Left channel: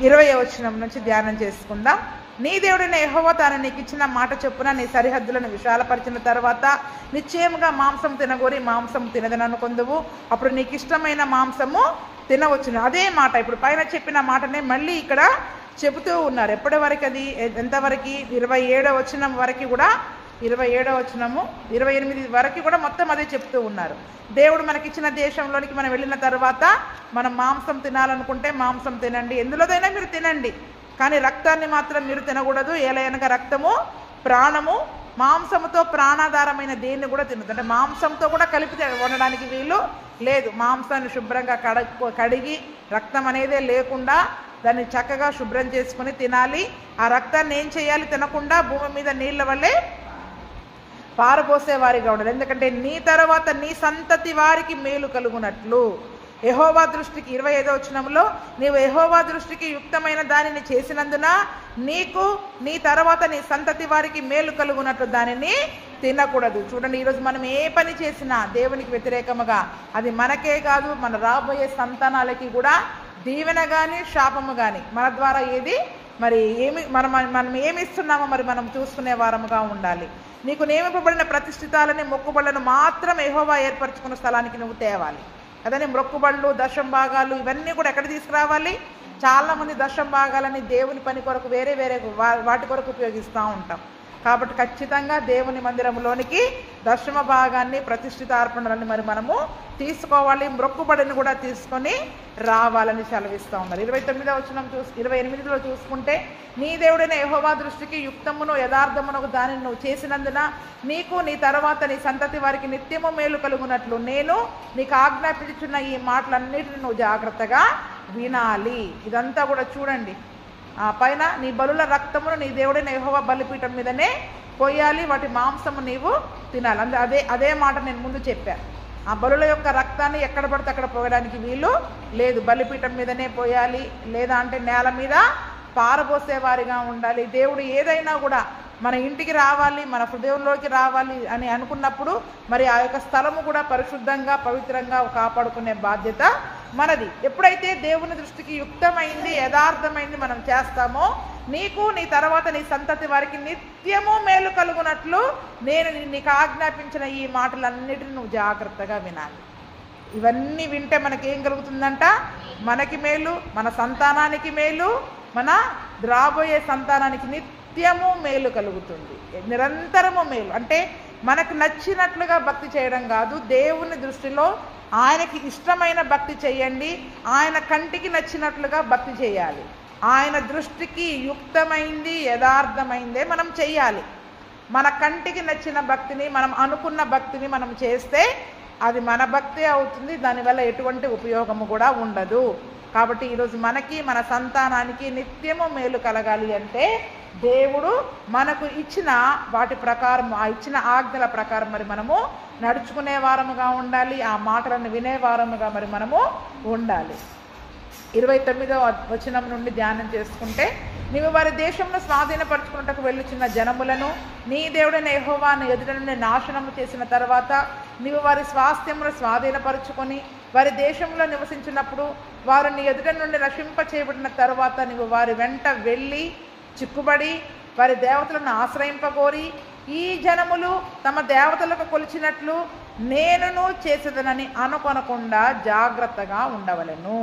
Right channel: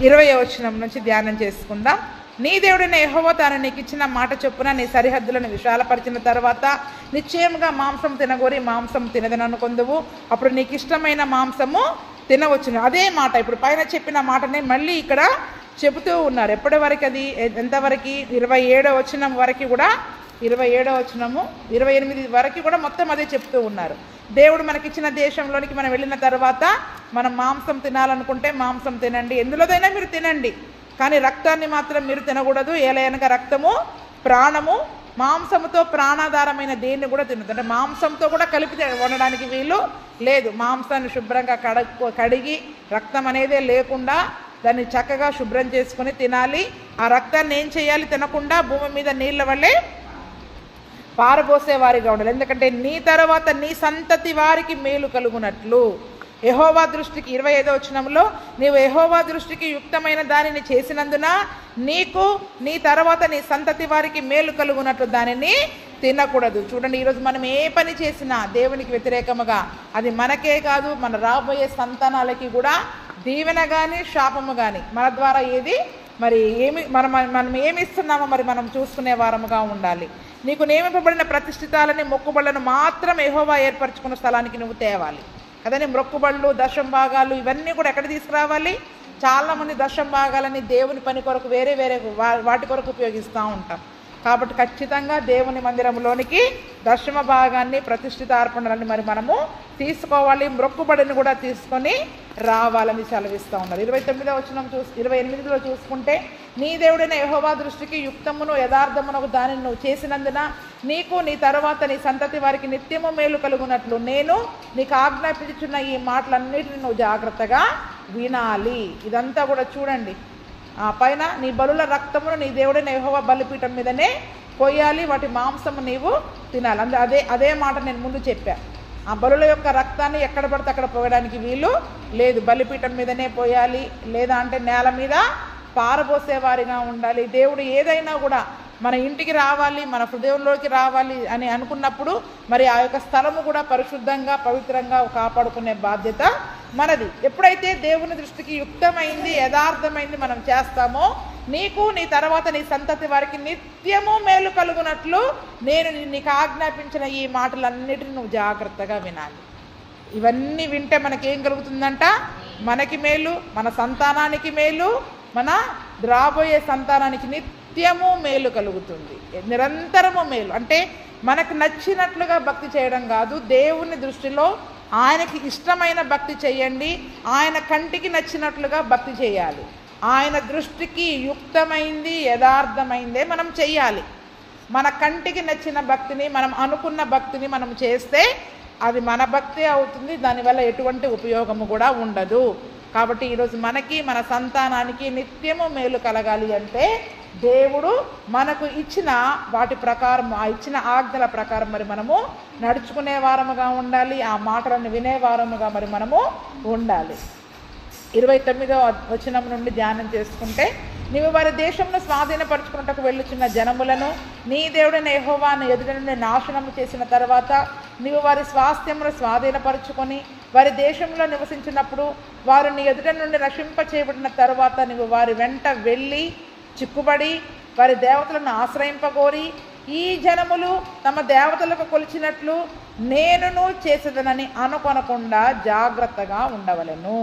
20వ వచనం నుంచి ధ్యానం చేసుకుందాం. నీ దేవుడైన యెహోవా తాను నీకు ఇచ్చిన మాట చొప్పున నీ సరిహద్దులను విశాలపరిచిన తర్వాత నిశ్చయముగా మాంసం తినగోరి మాంసం తినదని అనుకొందువు, అప్పుడు నీకు ఇష్టమైన మాంసము తినవచ్చును. అదే మాట ఇప్పుడు పైన చెప్పిన మాటనే మళ్ళీ ఇక్కడ చెబుతూ ఉన్నారు. ఎప్పటి వరకు అది ఎంతవరకు? 27వ వచనం వరకు కూడా, 27వ వచనము 28 వరకు కూడా మొత్తం అదే చెప్తూ ఉన్నారు. దేవుడు మనకిచ్చిన దేశంలోనికి మనం వెళ్ళిన తర్వాత మనం మాంసం తినాలనుకుంటే మాంసం తినండి, ఎందులోదైనా మీరు తినండి, కానీ రక్తాన్ని మాత్రం మీరు తినకూడదు. ఏలయనగా రక్తము ప్రాణము, మాంసముతో ప్రాణాధారమైన దేన్ని కూడా తినదు. అంటే మాంసంతో కూడా కలిపి వండడానికి వీలు లేదు. మాంసాన్ని శుభ్రంగా కడిగి రక్తం అనేదే లేకుండా దాన్ని చక్కగా శుభ్రం చేసుకుని తినాలి. ఆ రక్తాన్ని ఏం చేయాలి? తినకుండా భూమి మీద నీళ్ళ వల్లే పారబోసేవారిగా ఉండాలి. ఎందుకంటే నీ తర్వాత నీ సంతతి వారికి మేలు కలుగునట్లు యెహోవా దృష్టికి 25వ వచనంలో నీవు యెహోవా దృష్టికి యుక్తమైన దానిని చేసినందున నీకు నీ తర్వాత నీ సంతతి వారికి మేలు కలుగునట్లు దానిని తినకూడదు. చూడండి, ఈరోజు మనం ఏ పని చేసినా దేవునికి వ్యతిరేకముగా అది మనకే కాదు మన రాబోయే సంతానాలకి కూడా దీవెన కానీ శాపము కానీ మన ద్వారా ఏది మరి మనం ఏమి ఇస్తున్నామో మరి మనం చూసుకునే వారముగా ఉండాలి. నీకు నియమింపబడిన ప్రతిష్ఠితాలని మొక్కుబళ్లను మాత్రం యెహోవా ఏర్పరచుకున్న స్థలానికి నువ్వు తేవాలి. అదని మొక్కుబళ్ళు దశం భాగాలు ఇవన్నీ కూడా ఎక్కడ తీసుకురావాలి? చాలామంది దశం భాగాలని దేవుని పని కొరకు వేరే వాటి కొరకు ఉపయోగిస్తూ ఉంటాం. కాబట్టి ఖచ్చితంగా దేవుని మందిరంలోనికి దశమ భాగాన్ని ప్రతిష్ఠిత అర్పణలని మరి మనము తీసుకోవాలి. మొక్కుబడిని కూడా తీసుకొని రావాలని సెలవిస్తూ ఉన్నారు. 29వ వచనం 28లో చూసుకుంటే నీ దేవుడైన యెహోవా దృష్టికి యుక్తమును యథార్థమునకు దానిని నువ్వు చేసినందున నీకు నీ తర్వాత నీ సంతతి వారికి నిత్యము మేలు కలుగునట్లు నేను నీకు ఆజ్ఞాపించుచున్న ఈ మాటలన్నిటిని నువ్వు జాగ్రత్తగా వినాలి. ఇదంతా కూడా చూడండి. ఆ పైన నీ బలుల రక్తమును నీ దేవుడైన యెహోవా బలిపీఠం మీదనే పోయాలి, వాటి మాంసము నీవు తినాలి. అదే మాట నేను ముందు చెప్పాను. ఆ బలుల యొక్క రక్తాన్ని ఎక్కడ పడితే అక్కడ పోయడానికి వీలు లేదు. బలిపీఠం మీదనే పోయాలి, లేదా అంటే నేల మీద పారబోసేవారిగా ఉండాలి. దేవుడు ఏదైనా కూడా మన ఇంటికి రావాలి, మన హృదయంలోకి రావాలి అని అనుకున్నప్పుడు మరి ఆ యొక్క స్థలము కూడా పరిశుద్ధంగా పవిత్రంగా కాపాడుకునే బాధ్యత మనది. ఎప్పుడైతే దేవుని దృష్టికి యుక్తమైంది యథార్థమైంది మనం చేస్తామో నీకు నీ తర్వాత నీ సంతతి వారికి నిత్యము మేలు కలుగునట్లు నేను నీకు ఆజ్ఞాపించిన ఈ మాటలన్నిటిని నువ్వు జాగ్రత్తగా వినాలి. ఇవన్నీ వింటే మనకేం కలుగుతుందంట? మనకి మేలు, మన సంతానానికి మేలు, మన రాబోయే సంతానానికి నిత్యము మేలు కలుగుతుంది. నిరంతరము మేలు అంటే మనకు నచ్చినట్లుగా భక్తి చేయడం కాదు, దేవుని దృష్టిలో ఆయనకి ఇష్టమైన భక్తి చేయండి. ఆయన కంటికి నచ్చినట్లుగా భక్తి చేయాలి. ఆయన దృష్టికి యుక్తమైంది యథార్థమైందే మనం చెయ్యాలి. మన కంటికి నచ్చిన భక్తిని మనం అనుకున్న భక్తిని మనం చేస్తే అది మన భక్తి అవుతుంది, దానివల్ల ఎటువంటి ఉపయోగము కూడా ఉండదు. కాబట్టి ఈరోజు మనకి మన సంతానానికి నిత్యము మేలు కలగాలి అంటే దేవుడు మనకు ఇచ్చిన వాటి ప్రకారం ఆ ఇచ్చిన ఆజ్ఞల ప్రకారం మరి మనము నడుచుకునే వారముగా ఉండాలి. ఆ మాటలను వినే వారముగా మరి మనము ఉండాలి. 29వ వచనం నుండి ధ్యానం చేసుకుంటే నీవు వారి దేశంలో స్వాధీనపరచుకున్నట్టుకు వెళ్ళుచున్న జనములను నీ దేవుడైన యెహోవా నీ ఎదుట నుండి నాశనము చేసిన తర్వాత నీవు వారి స్వాస్థ్యమును స్వాధీనపరచుకొని వారి దేశంలో నివసించినప్పుడు వారు నీ ఎదుట నుండి నశింప చేయబడిన తర్వాత నీవు వారి వెంట వెళ్ళి చిక్కుబడి వారి దేవతలను ఆశ్రయింపగోరి ఈ జనములు తమ దేవతలకు కొలిచినట్లు నేనును చేసేదనని అనుకొనకుండా జాగ్రత్తగా ఉండవలెను.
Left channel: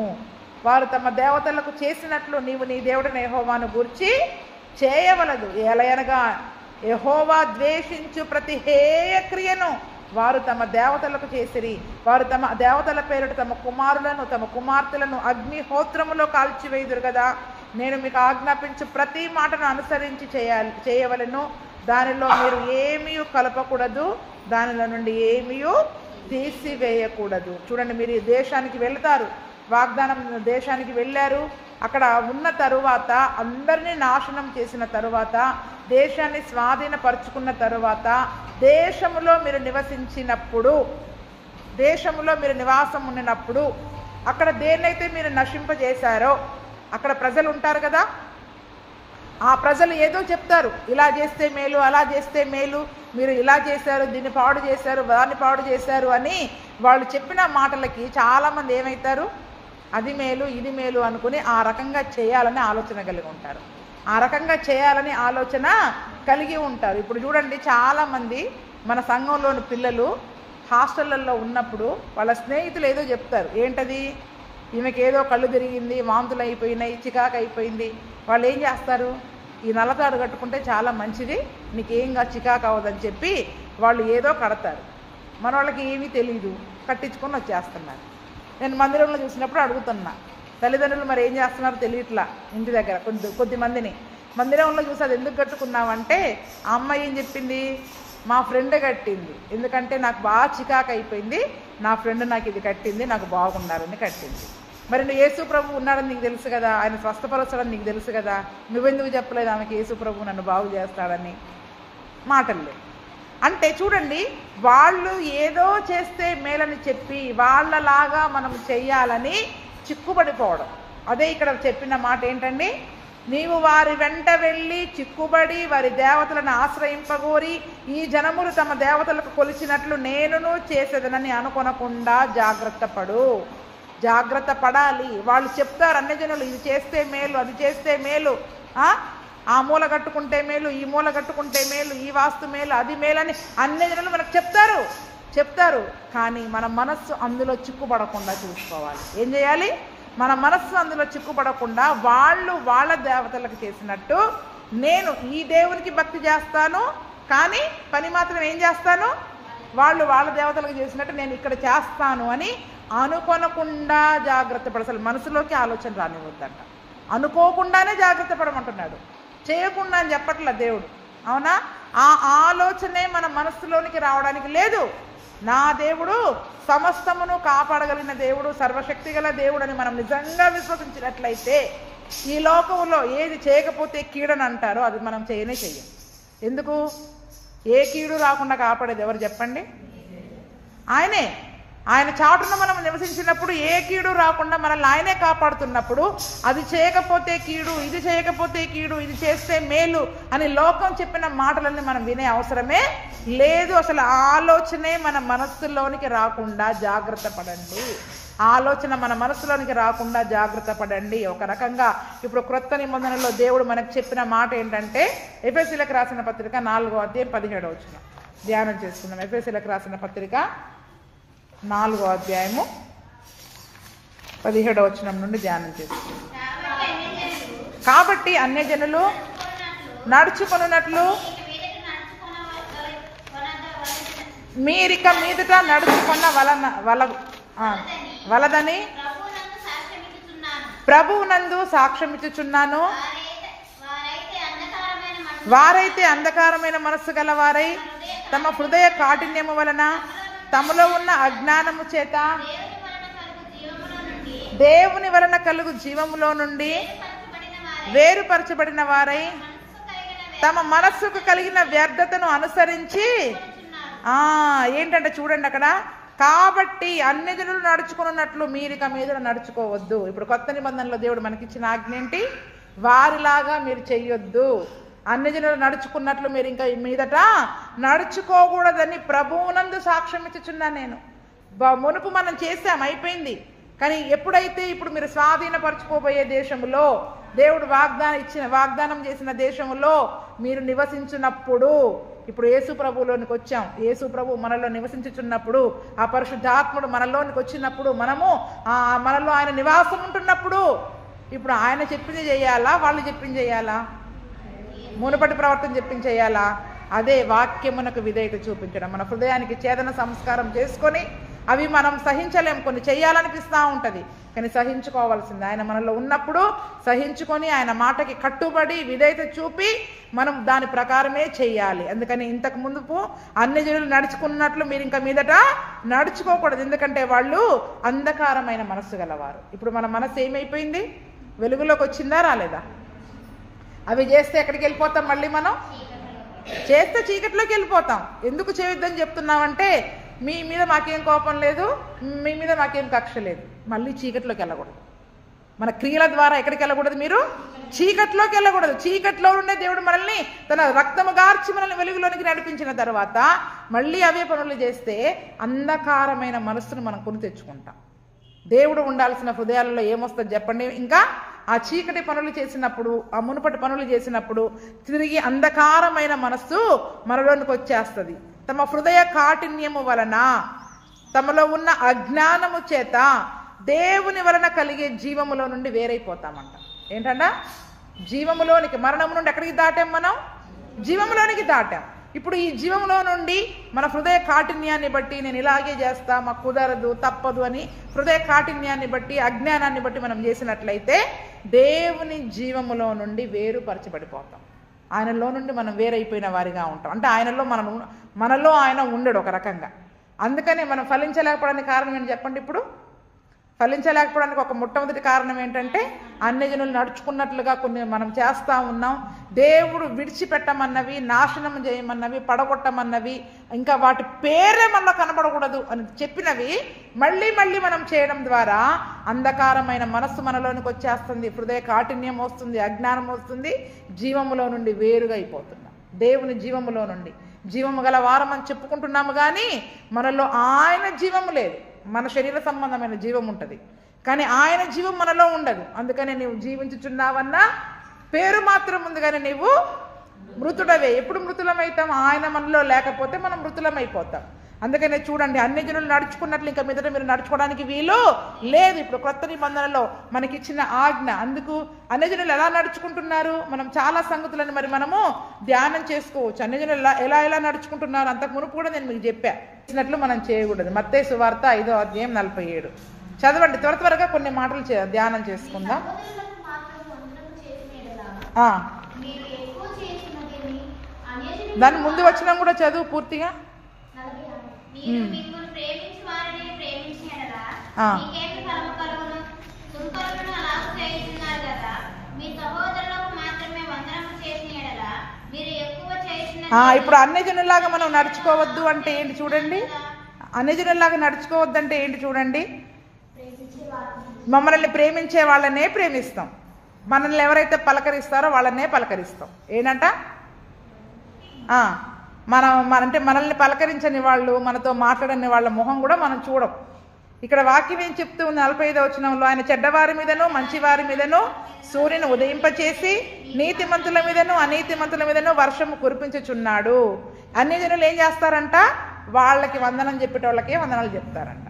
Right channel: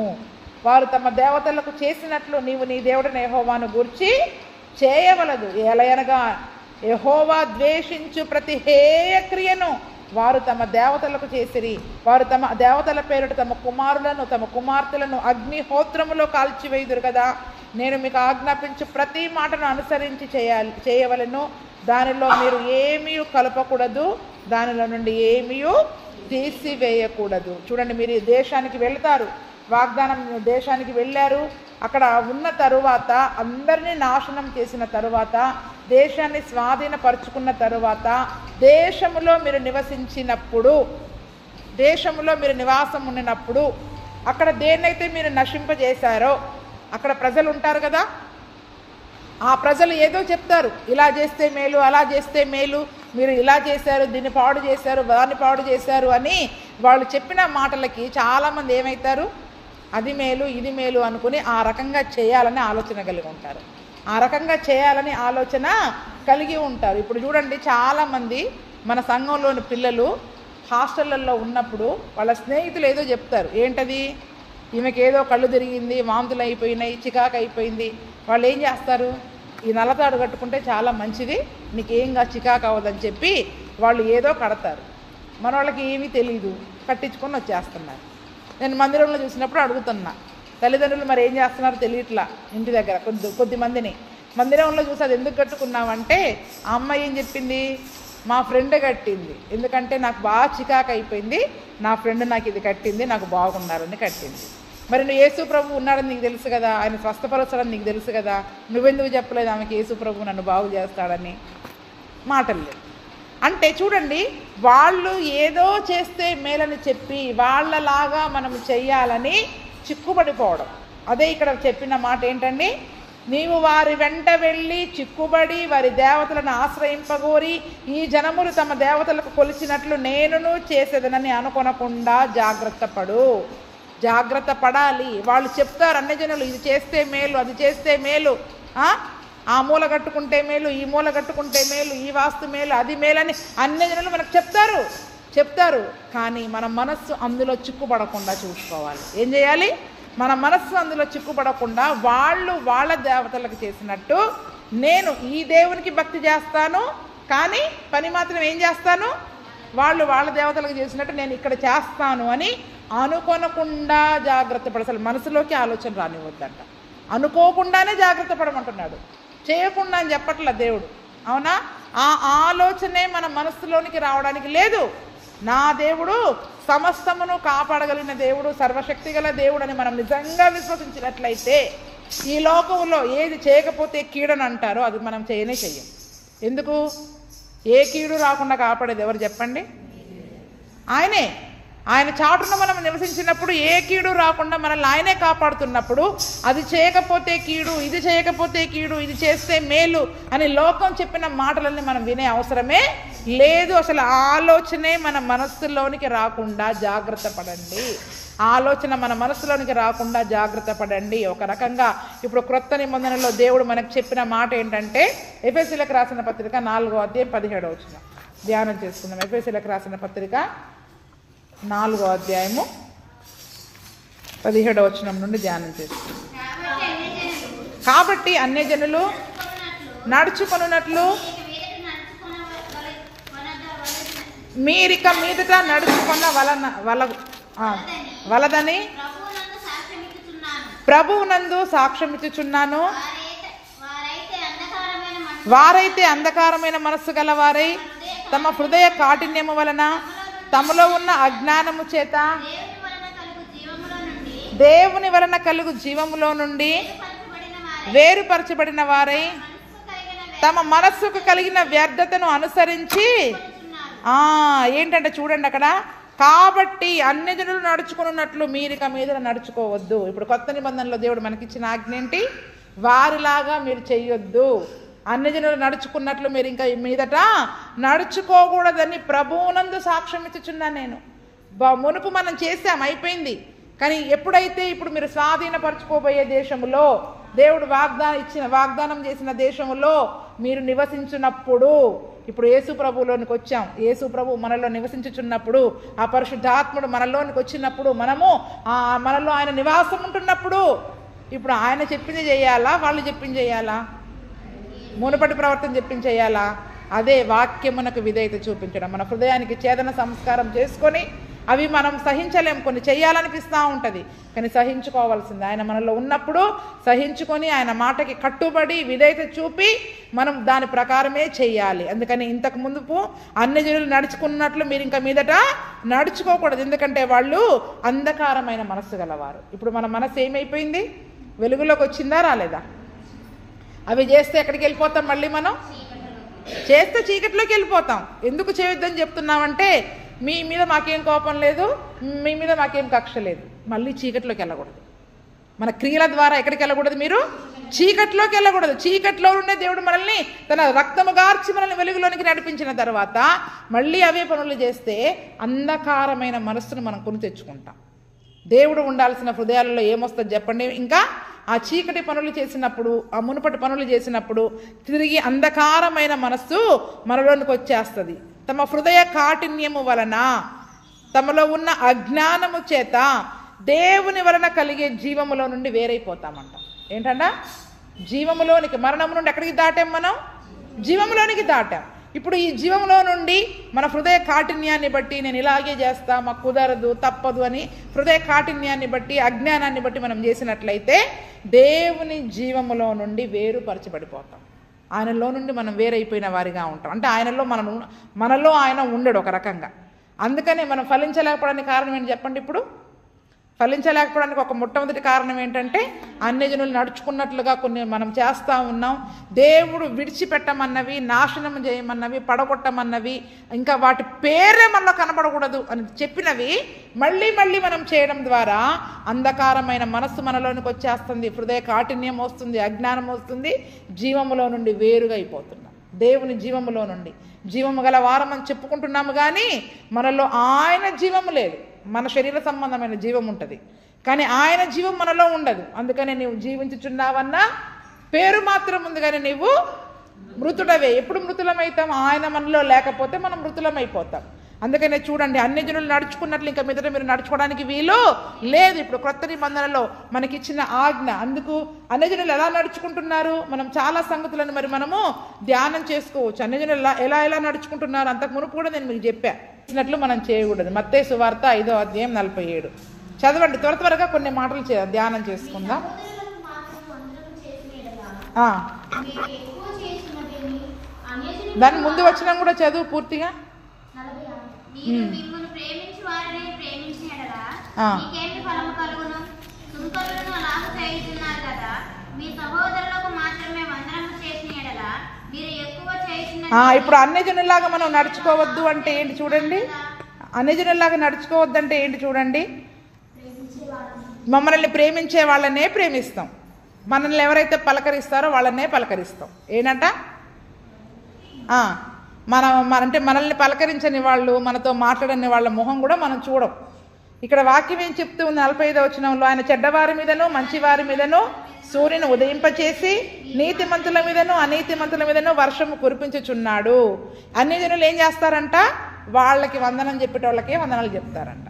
వారు తమ దేవతలకు చేసినట్లు నీవు నీ దేవుడైన యెహోవాను గూర్చి చేయవలదు. ఎలయనగా యెహోవా ద్వేషించు ప్రతి హేయ క్రియను వారు తమ దేవతలకు చేసిరి. వారు తమ దేవతల పేరిట తమ కుమారులను తమ కుమార్తెలను అగ్నిహోత్రములో కాల్చివేయుదురు కదా. నేను మీకు ఆజ్ఞాపించు ప్రతి మాటను అనుసరించి చేయవలెను. దానిలో మీరు ఏమీ కలపకూడదు, దానిలో నుండి ఏమీ తీసివేయకూడదు. చూడండి, మీరు ఈ దేశానికి వెళతారు, వాగ్దానం దేశానికి వెళ్ళారు. అక్కడ ఉన్న తరువాత అందరినీ నాశనం చేసిన తరువాత దేశాన్ని స్వాధీనపరుచుకున్న తరువాత దేశములో మీరు నివసించినప్పుడు దేశములో మీరు నివాసం ఉండినప్పుడు అక్కడ దేన్నైతే మీరు నశింపజేశారో అక్కడ ప్రజలు ఉంటారు కదా, ఆ ప్రజలు ఏదో చెప్తారు, ఇలా చేస్తే మేలు అలా చేస్తే మేలు, మీరు ఇలా చేశారు దీన్ని పాడు చేశారు దాన్ని పాడు చేశారు అని వాళ్ళు చెప్పిన మాటలకి చాలామంది ఏమవుతారు? అది మేలు ఇది మేలు అనుకుని ఆ రకంగా చేయాలని ఆలోచన కలిగి ఉంటారు. ఆ రకంగా చేయాలని ఆలోచన కలిగి ఉంటారు. ఇప్పుడు చూడండి, చాలామంది మన సంఘంలోని పిల్లలు హాస్టళ్లలో ఉన్నప్పుడు వాళ్ళ స్నేహితులు ఏదో చెప్తారు. ఏంటది? ఈమెకి ఏదో కళ్ళు తిరిగింది, వాంతులు అయిపోయినాయి, చికాకు అయిపోయింది. వాళ్ళు ఏం చేస్తారు? ఈ నల్లతాడు కట్టుకుంటే చాలా మంచిది, నీకేంగా చికాకు అవ్వదని చెప్పి వాళ్ళు ఏదో కడతారు. మన వాళ్ళకి ఏమీ తెలియదు, కట్టించుకొని వచ్చేస్తున్నారు. నేను మందిరంలో చూసినప్పుడు అడుగుతున్నా, తల్లిదండ్రులు మరి ఏం చేస్తున్నారో తెలియట్లా. ఇంటి దగ్గర కొద్దిమందిని మందిరంలో చూసి అది ఎందుకు కట్టుకున్నామంటే, ఆ అమ్మాయి ఏం చెప్పింది, మా ఫ్రెండ్ కట్టింది, ఎందుకంటే నాకు బాగా చికాకు అయిపోయింది, నా ఫ్రెండ్ నాకు ఇది కట్టింది, నాకు బాగున్నారని కట్టింది. మరి నువ్వు యేసు ప్రభు ఉన్నాడని నీకు తెలుసు కదా, ఆయన స్వస్థపరచడని నీకు తెలుసు కదా, నువ్వెందుకు చెప్పలేదు ఆమెకి యేసు ప్రభు నన్ను బాగు చేస్తాడని? మాటలు అంటే చూడండి, వాళ్ళు ఏదో చేస్తే మేలని చెప్పి వాళ్ళలాగా మనం చెయ్యాలని చిక్కుబడిపోవడం. అదే ఇక్కడ చెప్పిన మాట ఏంటండి, నీవు వారి వెంట వెళ్ళి చిక్కుబడి వారి దేవతలను ఆశ్రయింపగోరి ఈ జనములు తమ దేవతలకు కొలిచినట్లు నేనును చేసేదనని అనుకొనకుండా జాగ్రత్త పడు. జాగ్రత్త పడాలి. వాళ్ళు చెప్తారు అన్ని జనులు, ఇది చేస్తే మేలు, అది చేస్తే మేలు, ఆ మూల కట్టుకుంటే మేలు, ఈ మూల కట్టుకుంటే మేలు, ఈ వాస్తు మేలు, అది మేలని అన్ని జనులు మనకు చెప్తారు. కానీ మన మనస్సు అందులో చిక్కుపడకుండా చూసుకోవాలి. ఏం చేయాలి? మన మనస్సు అందులో చిక్కుపడకుండా వాళ్ళు వాళ్ళ దేవతలకు చేసినట్టు నేను ఈ దేవునికి భక్తి చేస్తాను, కానీ పని మాత్రం ఏం చేస్తాను, వాళ్ళు వాళ్ళ దేవతలకు చేసినట్టు నేను ఇక్కడ చేస్తాను అని అనుకోనకుండా జాగ్రత్త పడ. అసలు మనసులోకి ఆలోచన రానివద్దంట. అనుకోకుండానే జాగ్రత్త పడమంటున్నాడు, చేయకుండా అని చెప్పట్ల దేవుడు. అవునా? ఆ ఆలోచనే మన మనస్సులోనికి రావడానికి లేదు. నా దేవుడు సమస్తమును కాపాడగలిగిన దేవుడు, సర్వశక్తి గల దేవుడు అని మనం నిజంగా విశ్వసించినట్లయితే ఈ లోకంలో ఏది చేయకపోతే కీడని అంటారో అది మనం చెయ్యం. ఎందుకు? ఏ కీడు రాకుండా కాపాడేది ఎవరు చెప్పండి? ఆయనే. ఆయన చాటున మనం నివసించినప్పుడు ఏ కీడు రాకుండా మనల్ని ఆయనే కాపాడుతున్నప్పుడు అది చేయకపోతే కీడు, ఇది చేయకపోతే కీడు, ఇది చేస్తే మేలు అని లోకం చెప్పిన మాటలన్నీ మనం వినే అవసరమే లేదు. అసలు ఆలోచనే మన మనస్సులోనికి రాకుండా జాగ్రత్త పడండి. ఆలోచన మన మనసులోనికి రాకుండా జాగ్రత్త పడండి. ఒక రకంగా ఇప్పుడు క్రొత్త నిబంధనలో దేవుడు మనకు చెప్పిన మాట ఏంటంటే, ఎఫెసీయులకు రాసిన పత్రిక 4వ అధ్యాయం 17వ వచనం ధ్యానం చేస్తున్నాం. ఎఫెసీయులకు రాసిన పత్రిక 4వ అధ్యాయము 17వ వచనం నుండి ధ్యానం చేస్తున్నాం. కాబట్టి అన్యజనులు నడుచుకొనున్నట్లు మీరిక మీదట నడుచుకున్న వలదని ప్రభువునందు సాక్ష్యమిచ్చుచున్నాను. వారైతే అంధకారమైన మనస్సు గలవారై తమ హృదయ కాఠిన్యము వలన తమలో ఉన్న అజ్ఞానము చేత దేవుని వలన కలుగు జీవములో నుండి వేరుపరచబడిన వారై తమ మనస్సుకు కలిగిన వ్యర్థతను అనుసరించి ఏంటంటే చూడండి అక్కడ, కాబట్టి అన్ని జనులు నడుచుకున్నట్లు మీరిక మీద నడుచుకోవద్దు. ఇప్పుడు కొత్త నిబంధనలో దేవుడు మనకిచ్చిన ఆజ్ఞ ఏంటి? వారిలాగా మీరు చెయ్యొద్దు, అన్ని జనులు నడుచుకున్నట్లు మీరు ఇంకా మీదట నడుచుకోకూడదని ప్రభువునందు సాక్ష్యం ఇచ్చుచున్నాను నేను. మునుపు మనం చేసాం, అయిపోయింది. కానీ ఎప్పుడైతే ఇప్పుడు మీరు స్వాధీనపరచుకోబోయే దేశంలో దేవుడు వాగ్దానం చేసిన దేశంలో మీరు నివసించినప్పుడు, ఇప్పుడు యేసు ప్రభువులోనికి వచ్చాం, యేసు ప్రభు మనలో నివసించుచున్నప్పుడు, ఆ పరిశుద్ధాత్ముడు మనలోనికి వచ్చినప్పుడు, మనలో ఆయన నివాసం ఉంటున్నప్పుడు ఇప్పుడు ఆయన చెప్పింది చేయాలా, వాళ్ళు చెప్పింది చేయాలా? మునుపటి ప్రవర్తన చెప్పింది చేయాలా? అదే వాక్యమునకు విధేయత చూపించడం. మన హృదయానికి ఛేదన సంస్కారం చేసుకొని అవి మనం సహించలేం, కొన్ని చేయాలనిపిస్తూ ఉంటుంది, కానీ సహించుకోవాల్సింది. ఆయన మనలో ఉన్నప్పుడు సహించుకొని ఆయన మాటకి కట్టుబడి విధేయత చూపి మనం దాని ప్రకారమే చెయ్యాలి. అందుకని ఇంతకు ముందుకు అన్ని జనులు నడుచుకున్నట్లు మీరు ఇంకా మీదట నడుచుకోకూడదు, ఎందుకంటే వాళ్ళు అంధకారమైన మనస్సు గలవారు. ఇప్పుడు మన మనస్సు ఏమైపోయింది? వెలుగులోకి వచ్చిందా రాలేదా? అవి చేస్తే ఎక్కడికి వెళ్ళిపోతాం? మళ్ళీ మనం చేస్తే చీకట్లోకి వెళ్ళిపోతాం. ఎందుకు చేయొద్దని చెప్తున్నామంటే, మీ మీద మాకేం కోపం లేదు, మీ మీద మాకేం కక్ష లేదు, మళ్ళీ చీకట్లోకి వెళ్ళకూడదు. మన క్రియల ద్వారా ఎక్కడికి వెళ్ళకూడదు? మీరు చీకట్లోకి వెళ్ళకూడదు. చీకట్లో ఉండే దేవుడు మనల్ని తన రక్తము గార్చి మనల్ని వెలుగులోనికి నడిపించిన తర్వాత మళ్ళీ అవే పనులు చేస్తే అంధకారమైన మనస్సును మనం కొని తెచ్చుకుంటాం. దేవుడు ఉండాల్సిన హృదయాలలో ఏమొస్తుంది చెప్పండి? ఇంకా ఆ చీకటి పనులు చేసినప్పుడు, ఆ మునుపటి పనులు చేసినప్పుడు తిరిగి అంధకారమైన మనస్సు మనలోనికి వచ్చేస్తుంది. తమ హృదయ కాఠిన్యము వలన, తమలో ఉన్న అజ్ఞానము చేత దేవుని వలన కలిగే జీవములో నుండి వేరైపోతామంట. ఏంటంట? జీవములోనికి, మరణము నుండి ఎక్కడికి దాటాం మనం? జీవములోనికి దాటాం. ఇప్పుడు ఈ జీవంలో నుండి మన హృదయ కాఠిన్యాన్ని బట్టి నేను ఇలాగే చేస్తా, మాకు కుదరదు, తప్పదు అని హృదయ కాఠిన్యాన్ని బట్టి, అజ్ఞానాన్ని బట్టి మనం చేసినట్లయితే దేవుని జీవములో నుండి వేరుపరచబడిపోతాం. ఆయనలో నుండి మనం వేరైపోయిన వారిగా ఉంటాం. అంటే మనలో ఆయన ఉండడు ఒక రకంగా. అందుకనే మనం ఫలించలేకపోవడానికి కారణం ఏంటి చెప్పండి? ఇప్పుడు ఫలించలేకపోవడానికి ఒక మొట్టమొదటి కారణం ఏంటంటే అన్యజనులు నడుచుకున్నట్లుగా కొన్ని మనం చేస్తూ ఉన్నాం. దేవుడు విడిచిపెట్టమన్నవి, నాశనం చేయమన్నవి, పడగొట్టమన్నవి, ఇంకా వాటి పేరే మనలో కనబడకూడదు అని చెప్పినవి మళ్ళీ మళ్ళీ మనం చేయడం ద్వారా అంధకారమైన మనస్సు మనలోనికి వచ్చేస్తుంది, హృదయ కాఠిన్యం వస్తుంది, అజ్ఞానం వస్తుంది, జీవములో నుండి వేరుగా అయిపోతున్నాం. దేవుని జీవములో నుండి జీవము గల వారం అని చెప్పుకుంటున్నాము, కానీ మనలో ఆయన జీవము లేదు. మన శరీర సంబంధమైన జీవం ఉంటుంది, కానీ ఆయన జీవం మనలో ఉండదు. అందుకని నీవు జీవించుచున్నావన్నా పేరు మాత్రం ఉంది, కానీ నీవు మృతుడవే. ఎప్పుడు మృతులమవుతాం? ఆయన మనలో లేకపోతే మనం మృతులమైపోతాం. అందుకనే చూడండి, అన్యజనులు నడుచుకున్నట్లు ఇంకా మీదట మీరు నడుచుకోవడానికి వీలు లేదు. ఇప్పుడు కొత్త నిబంధనలో మనకిచ్చిన ఆజ్ఞ. అందుకు అన్యజనులు ఎలా నడుచుకుంటున్నారు, మనం చాలా సంగతులను మనము ధ్యానం చేసుకోవచ్చు. అన్యజనులు ఎలా నడుచుకుంటున్నారు అంతకు మునుపు కూడా నేను మీకు చెప్పినట్లు మనం చేయకూడదు. మత్తయి సువార్త 5వ అధ్యాయం 47 చదవండి. త్వరగా కొన్ని మాటలు ధ్యానం చేసుకుందాం. దాని ముందు వచ్చినా కూడా చదువు పూర్తిగా. ఇప్పుడు అన్యజనులాగా మనం నడుచుకోవద్దు అంటే ఏంటి చూడండి. అన్యజనులాగా నడుచుకోవద్దు అంటే ఏంటి చూడండి. మమ్మల్ని ప్రేమించే వాళ్ళనే ప్రేమిస్తాం, మనల్ని ఎవరైతే పలకరిస్తారో వాళ్ళనే పలకరిస్తాం. ఏంటంట? అంటే మనల్ని పలకరించని వాళ్ళు, మనతో మాట్లాడని వాళ్ళ మొహం కూడా మనం చూడం. ఇక్కడ వాక్యం ఏం చెప్తూ ఉంది 45వ వచనంలో, ఆయన చెడ్డవారి మీదను మంచివారి మీదను సూర్యుని ఉదయింపచేసి నీతిమంతుల మీదను అనీతిమంతుల మీదను వర్షము కురిపించుచున్నాడు. అన్యజనులు ఏం చేస్తారంట? వాళ్ళకి వందనం చెప్పేటోళ్ళకే వందనాలు చెప్తారంట,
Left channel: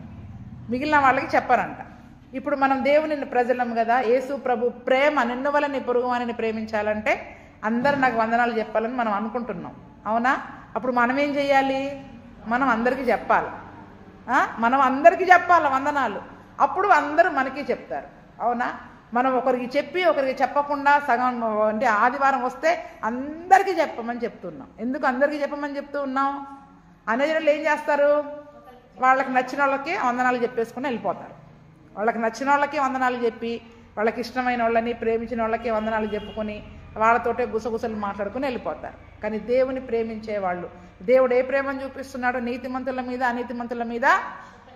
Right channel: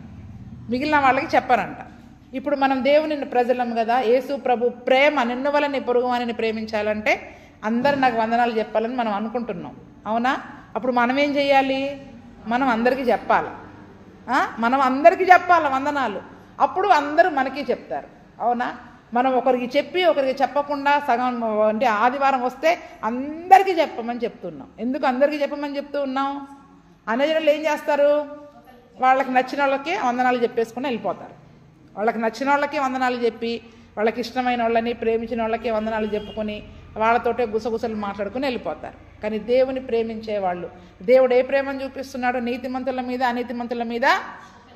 మిగిలిన వాళ్ళకి చెప్పారంట. ఇప్పుడు మనం దేవుని ప్రజలం కదా, యేసు ప్రభు ప్రేమ, నిన్ను వల్ల నీ పొరుగు వానిని ప్రేమించాలంటే అందరు నాకు వందనాలు చెప్పాలని మనం అనుకుంటున్నాం, అవునా? అప్పుడు మనం ఏం చేయాలి? మనం అందరికీ చెప్పాలి. మనం అందరికీ చెప్పాలి వందనాలు. అప్పుడు అందరూ మనకి చెప్తారు, అవునా? మనం ఒకరికి చెప్పి ఒకరికి చెప్పకుండా సగం అంటే ఆదివారం వస్తే అందరికీ చెప్పమని చెప్తున్నాం. ఎందుకు అందరికీ చెప్పమని చెప్తూ ఉన్నాం? అన్యజనులు ఏం చేస్తారు? వాళ్ళకి నచ్చిన వాళ్ళకి వందనాలు చెప్పేసుకుని వెళ్ళిపోతారు. వాళ్ళకి నచ్చిన వాళ్ళకి వందనాలు చెప్పి, వాళ్ళకి ఇష్టమైన వాళ్ళని ప్రేమించిన వాళ్ళకి వందనాలు చెప్పుకొని వాళ్ళతోటే గుసగుసలు మాట్లాడుకుని వెళ్ళిపోతారు. కానీ దేవుని ప్రేమించే వాళ్ళు, దేవుడు ఏ ప్రేమను చూపిస్తున్నాడో, నీతిమంతుల మీద అనీతిమంతుల మీద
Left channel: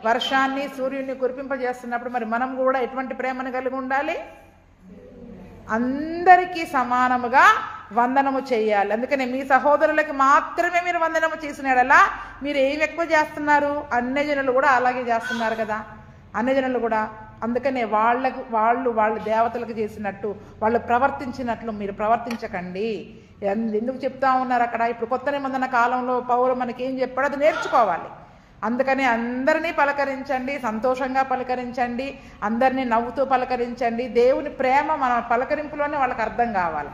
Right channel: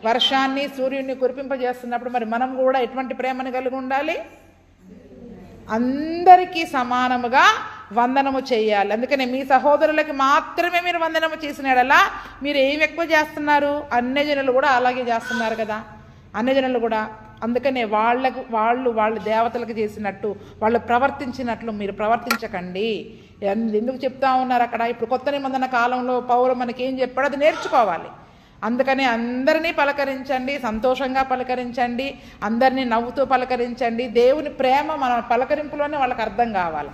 వర్షాన్ని సూర్యుడిని కురిపింపజేస్తున్నప్పుడు మరి మనం కూడా ఎటువంటి ప్రేమను కలిగి ఉండాలి? అందరికీ సమానముగా వందనము చేయాలి. అందుకని మీ సహోదరులకి మాత్రమే మీరు వందనము చేసినాడలా మీరు ఏమి ఎక్కువ చేస్తున్నారు? అన్యజనులు కూడా అలాగే చేస్తున్నారు కదా, అన్యజనులు కూడా. అందుకనే వాళ్ళు దేవతలకు చేసినట్టు వాళ్ళు ప్రవర్తించినట్లు మీరు ప్రవర్తించకండి. ఎందుకు చెప్తా ఉన్నారు అక్కడ? ఇప్పుడు కొత్త నిబంధన కాలంలో పౌలు మనకి ఏం చెప్పాడో అది నేర్చుకోవాలి. అందుకని అందరినీ పలకరించండి, సంతోషంగా పలకరించండి, అందరినీ నవ్వుతూ పలకరించండి. దేవుని ప్రేమ మన పలకరింపులోనే వాళ్ళకి అర్థం కావాలి.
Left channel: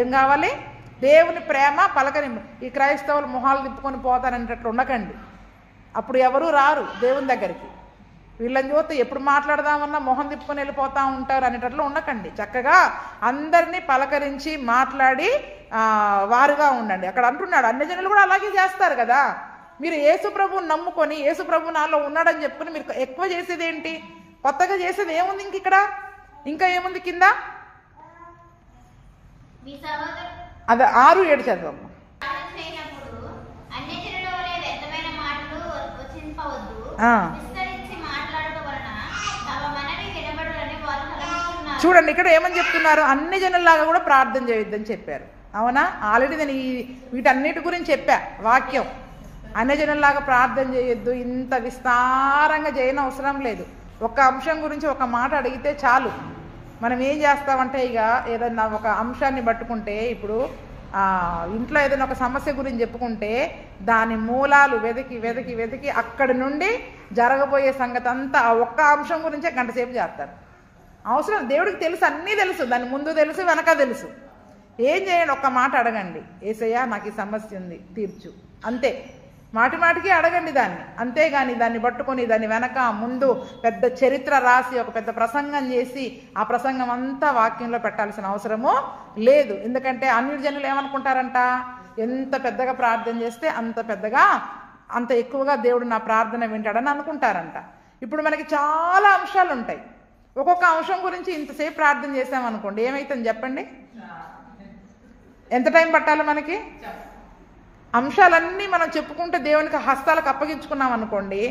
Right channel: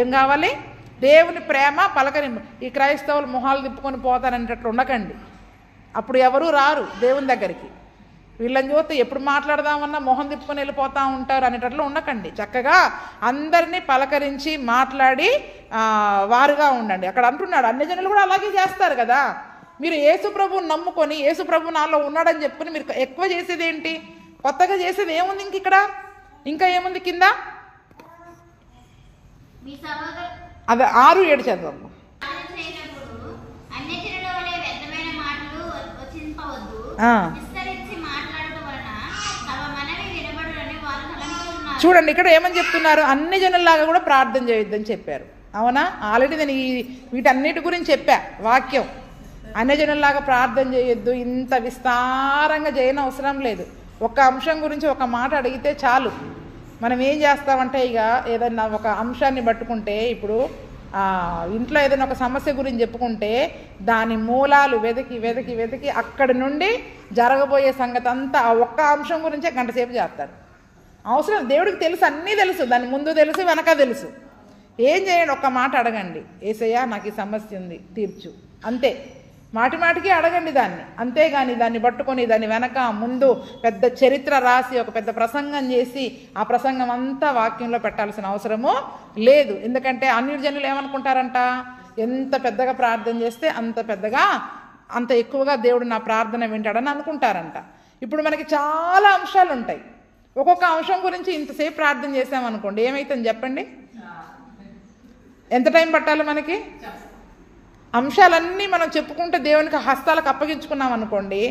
ఏం కావాలి? దేవుని ప్రేమ, పలకరింపు. ఈ క్రైస్తవులు మొహాలు తిప్పుకొని పోతారనేటట్లు ఉండకండి, అప్పుడు ఎవరూ రారు దేవుని దగ్గరికి. వీళ్ళని చూస్తే ఎప్పుడు మాట్లాడదామన్నా మొహం తిప్పుకొని వెళ్ళిపోతూ ఉంటారు అనేటట్లు ఉండకండి. చక్కగా అందరినీ పలకరించి మాట్లాడి వారుగా ఉండండి. అక్కడ అంటున్నాడు అన్యజనులు కూడా అలాగే చేస్తారు కదా. మీరు యేసు ప్రభువుని నమ్ముకొని యేసు ప్రభు నాలో ఉన్నాడని చెప్పుకొని మీరు ఎక్కువ చేసేది ఏంటి? కొత్తగా చేసేది ఏముంది? ఇంక ఇక్కడ ఇంకా ఏముంది కింద? అది 6-7 చదవమ్మా. చూడండి ఇక్కడ ఏమని చెప్తున్నారు? అన్ని జనుల్లాగా కూడా ప్రార్థన చేయొద్దని చెప్పారు, అవునా? ఆల్రెడీ నేను వీటన్నిటి గురించి చెప్పా వాక్యం. అన్యజనుల్లాగా ప్రార్థన చేయొద్దు, ఇంత విస్తారంగా చేయని అవసరం లేదు. ఒక అంశం గురించి ఒక మాట అడిగితే చాలు. మనం ఏం చేస్తామంటే ఇక ఏదైనా ఒక అంశాన్ని పట్టుకుంటే, ఇప్పుడు ఇంట్లో ఏదైనా ఒక సమస్య గురించి చెప్పుకుంటే దాని మూలాలు వెతికి వెతికి వెతికి అక్కడి నుండి జరగబోయే సంగతి అంతా ఆ ఒక్క అంశం గురించే గంటసేపు చేస్తారు. అవసరం దేవుడికి తెలుసు, అన్నీ తెలుసు, దాని ముందు తెలుసు, వెనక తెలుసు. ఏం చేయండి, ఒక్క మాట అడగండి, యేసయ్యా నాకు ఈ సమస్య ఉంది తీర్చు, అంతే. మాటి మాటికి అడగండి దాన్ని, అంతేగాని దాన్ని పట్టుకొని దాని వెనక ముందు పెద్ద చరిత్ర రాసి ఒక పెద్ద ప్రసంగం చేసి ఆ ప్రసంగం అంతా వాక్యంలో పెట్టాల్సిన అవసరము లేదు. ఎందుకంటే అన్యజనులు ఏమనుకుంటారంట, ఎంత పెద్దగా ప్రార్థన చేస్తే అంత ఎక్కువగా దేవుడు నా ప్రార్థన వింటాడని అనుకుంటారంట. ఇప్పుడు మనకి చాలా అంశాలు ఉంటాయి, ఒక్కొక్క అంశం గురించి ఇంతసేపు ప్రార్థన చేసామనుకోండి, ఏమైతుంది చెప్పండి? ఎంత టైం పట్టాలి మనకి? అంశాలన్నీ మనం చెప్పుకుంటే దేవునికి హస్తాలకు అప్పగించుకున్నాం అనుకోండి,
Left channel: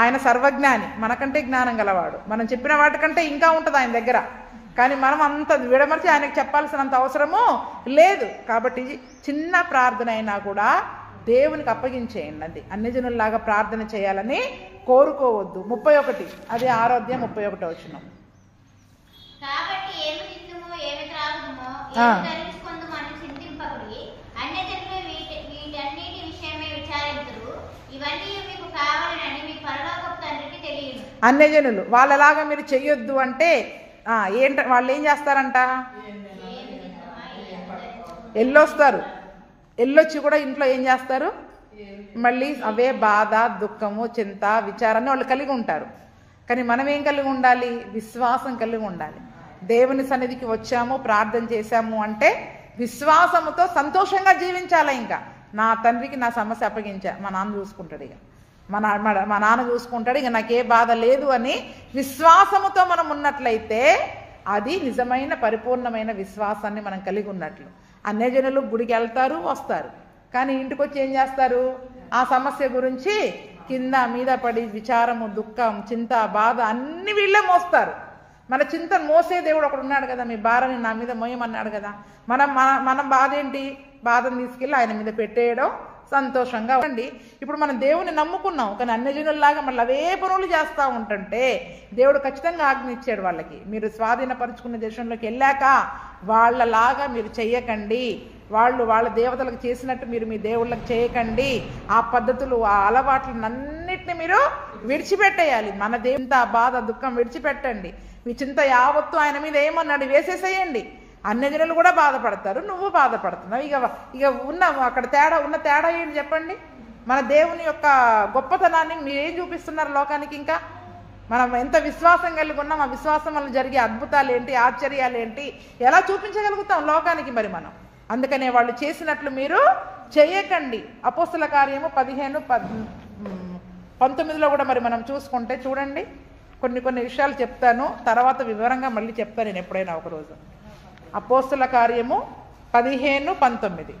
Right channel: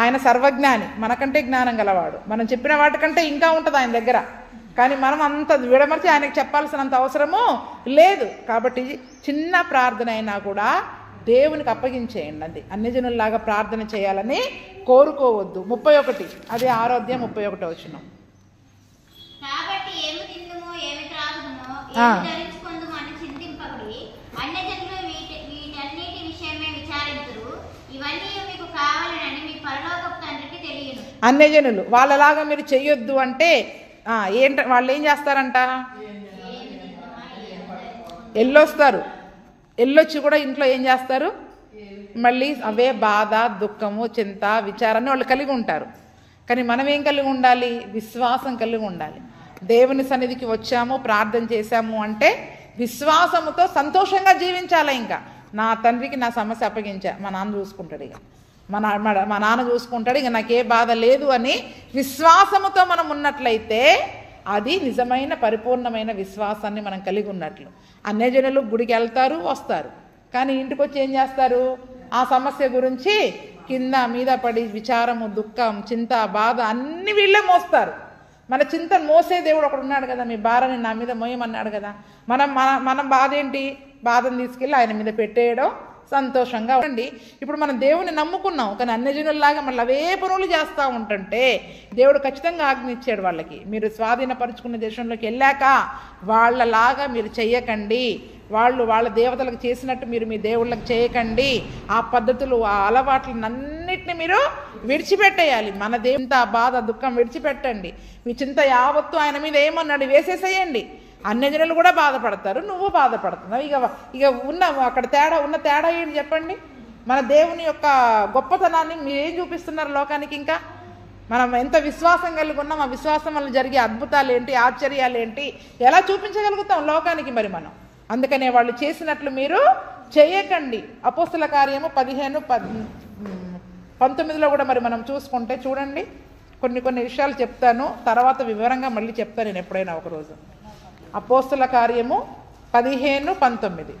ఆయన సర్వజ్ఞాని, మనకంటే జ్ఞానం గలవాడు, మనం చెప్పిన వాటికంటే ఇంకా ఉంటుంది ఆయన దగ్గర. కానీ మనం అంత విడమర్చి ఆయనకు చెప్పాల్సినంత అవసరము లేదు. కాబట్టి చిన్న ప్రార్థన అయినా కూడా దేవునికి అప్పగించేయండి. అది అన్యజనుల్లాగా ప్రార్థన చేయాలని కోరుకోవద్దు. 31 అదే 6వ అధ్యాయం 31వ వచనం. అన్యజనులు వాళ్ళలాగా మీరు చెయ్యొద్దు అంటే వాళ్ళు ఏం చేస్తారంట, ఎల్లొస్తారు, ఎల్లొచ్చి కూడా ఇంట్లో ఏం చేస్తారు, మళ్ళీ అవే బాధ, దుఃఖము, చింత, విచారాన్ని వాళ్ళు కలిగి ఉంటారు. కానీ మనం ఏం కలిగి ఉండాలి? విశ్వాసం కలిగి ఉండాలి. దేవుని సన్నిధికి వచ్చాము, ప్రార్థన చేశాము అంటే విశ్వాసముతో సంతోషంగా జీవించాలి. ఇంకా నా తండ్రికి నా సమస్య అప్పగించా, మా నాన్న చూసుకుంటాడు, ఇక మా నాన్న చూసుకుంటాడు, ఇక నాకే బాధ లేదు అని విశ్వాసముతో మనం ఉన్నట్లయితే అది నిజమైన పరిపూర్ణమైన విశ్వాసాన్ని మనం కలిగి ఉన్నట్లు. అన్యజనులు గుడికి వెళ్తారు, వస్తారు, కానీ ఇంటికి వచ్చి ఏం చేస్తారు? ఆ సమస్య గురించి కింద మీద పడి విచారము, దుఃఖం, చింత, బాధ అన్ని వీళ్ళే మోస్తారు. మన చింతను మోసే దేవుడు ఒకడు ఉన్నాడు కదా, మీ భారాన్ని నా మీద మోయమన్నాడు కదా. మనం బాధ ఏంటి? బాధను తీసుకెళ్ళి ఆయన మీద పెట్టేయడం, సంతోషంగా ఉండండి. ఇప్పుడు మనం దేవుని నమ్ముకున్నాం, కానీ అన్యజనుల్లాగా మళ్ళీ అవే పనులు చేస్తూ ఉంటుంటే దేవుడు ఖచ్చితంగా ఆజ్ఞ ఇచ్చాడు వాళ్ళకి, మీరు స్వాధీనపరుచుకున్న దేశంలోకి వెళ్ళాక వాళ్ళలాగా మీరు చెయ్యకండి, వాళ్ళ దేవతలకు చేసినట్టు మీరు మీ దేవుళ్ళకి చేయకండి, ఆ పద్ధతులు ఆ అలవాట్లన్నిటిని మీరు విడిచిపెట్టేయాలి. మన దేవుంత బాధ దుఃఖం విడిచిపెట్టండి, మీ చింత యావత్తు ఆయన మీద ఏమన్నాడు వేసేసేయండి. అన్యజనులు కూడా బాధపడతారు, నువ్వు బాధపడుతున్నావు. ఇక అక్కడ ఉన్న తేడా ఏంటి చెప్పండి? మన దేవుని యొక్క గొప్పతనాన్ని మీరు ఏం చూపిస్తున్నారు లోకానికి? ఇంకా మనం ఎంత విశ్వాసం కలిగి ఉన్నాం, ఆ విశ్వాసం వల్ల జరిగే అద్భుతాలు ఏంటి, ఆశ్చర్యాలు ఏంటి, ఎలా చూపించగలుగుతాం లోకానికి మరి మనం? అందుకనే వాళ్ళు చేసినట్లు మీరు చేయకండి. అపోస్తల కార్యము 15:19 కూడా మరి మనం చూసుకుంటే చూడండి, కొన్ని విషయాలు చెప్తాను, తర్వాత వివరంగా మళ్ళీ చెప్తాను నేను ఎప్పుడైనా ఒకరోజు. అపోస్తల కార్యము 15:19.